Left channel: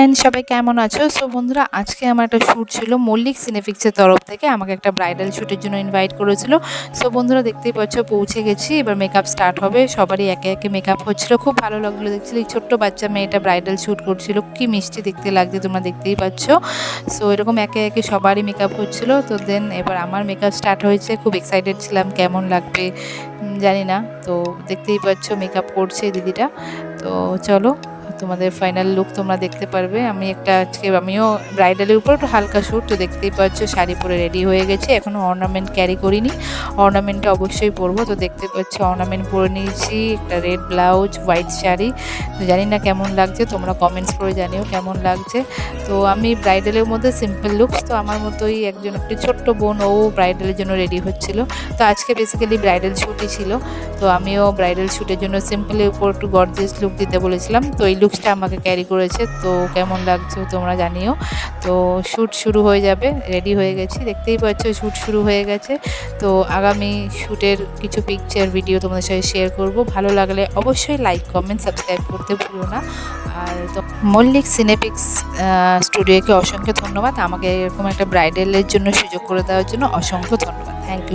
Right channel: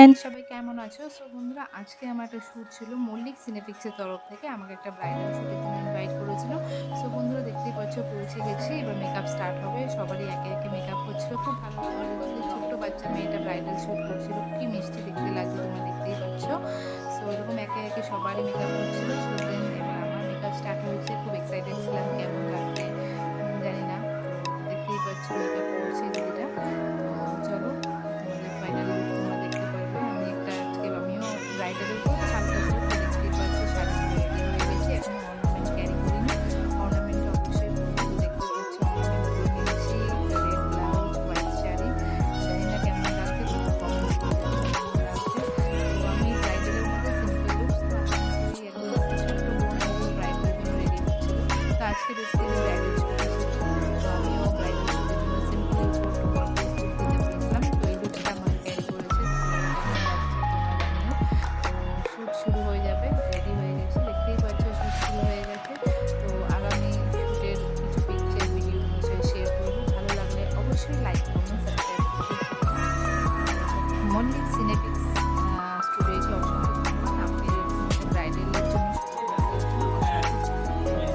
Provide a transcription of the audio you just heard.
And সবাই কেমন আছো? সো বন্ধুরা, আজকে আমার একটা শ্যুট ছিল মল্লিক সিনেফিক্সের তরফ থেকে। আমাকে একটা ব্রাইডাল শ্যুটের জন্য ইনভাইট করেছিল। সো বন্ধুরা, দেখতেই পাচ্ছ পৌঁছে গেছি। এবার মেকআপ স্টার্ট হবে। সবারই একে একে মেকআপ হচ্ছিল। খুব ভালো লাগলো দেখছিলে। এই ছোট্ট বাচ্চা মেয়েটা ব্রাইডাল শ্যুট করছিল। কি মিষ্টি দেখতে লাগছে, তোমরা দেখতেই পাচ্ছ। সো এরকম একে একে সবারই মেকআপ হচ্ছিল। তো দেন এবার আমার মেকআপ স্টার্ট হয়েছে। খুব এক্সাইটেড ছিলাম কেমন লাগবে জানি না। তো দেখতেই পাচ্ছ মেকআপ করছে দিদিটা। তো চলো, তোমাদের ফাইনাল লুক তোমরা দেখতে পারবে। আমিও ব্রাইডালের উপর একটু হালকা শ্যুট। তো দেখতেই পাচ্ছ শাড়ি পরে রেডি হয়ে গেছে। এখনও অর্নামেন্ট ক্যারি করিনি, অর্নামেন্টটা অবশ্যই পরবো। তো দেখতে পাচ্ছ অর্নামেন্ট পরে নিয়েছি, একটা রেড ব্লাউজ, হোয়াইট শাড়ি। তো জানি না কেমন লাগছে, তোমরা কমেন্টস করে জানিও কেমন লাগছে। তো আমি ব্রাইডালের মধ্যে সিম্পল লুকস, তো আমার মতোই একজন একটি ছোট্ট বোন, ও ব্রাইডালের জন্য রেডি হচ্ছিল। তো আজকে বেসিক্যালি ব্রাইডাল শ্যুটই ছিল। তো আমিও ব্রাইডাল শ্যুটের জন্য সিম্পলের উপর একটু গর্জিয়াস লুক দিতে বলেছিলাম। তো এই লুকসটা আমাকে ক্যারি করেছে। তো কেমন লাগছে তোমরা জানিও। তো শ্যুট শুরু হয়ে যাবে, রেডি হয়ে গেছি। দেখতেই পাচ্ছ শ্যুট শুরু হয়ে গেছে। তো আগামী শ্যুটের কিছু পিকচার ভিডিও তোমাদের সাথে শেয়ার করব। ভালো লাগলে অবশ্যই লাইক, কমেন্ট, সাবস্ক্রাইব করতে ভুলো না। আর তো মল্লিক সিনেপিক্স স্টুডিওকে অসংখ্য ধন্যবাদ। আমাকে এরকম একটা ব্রাইডালের জন্য সুযোগ করে দেওয়ার জন্য অসংখ্য ধন্যবাদ। Thank you.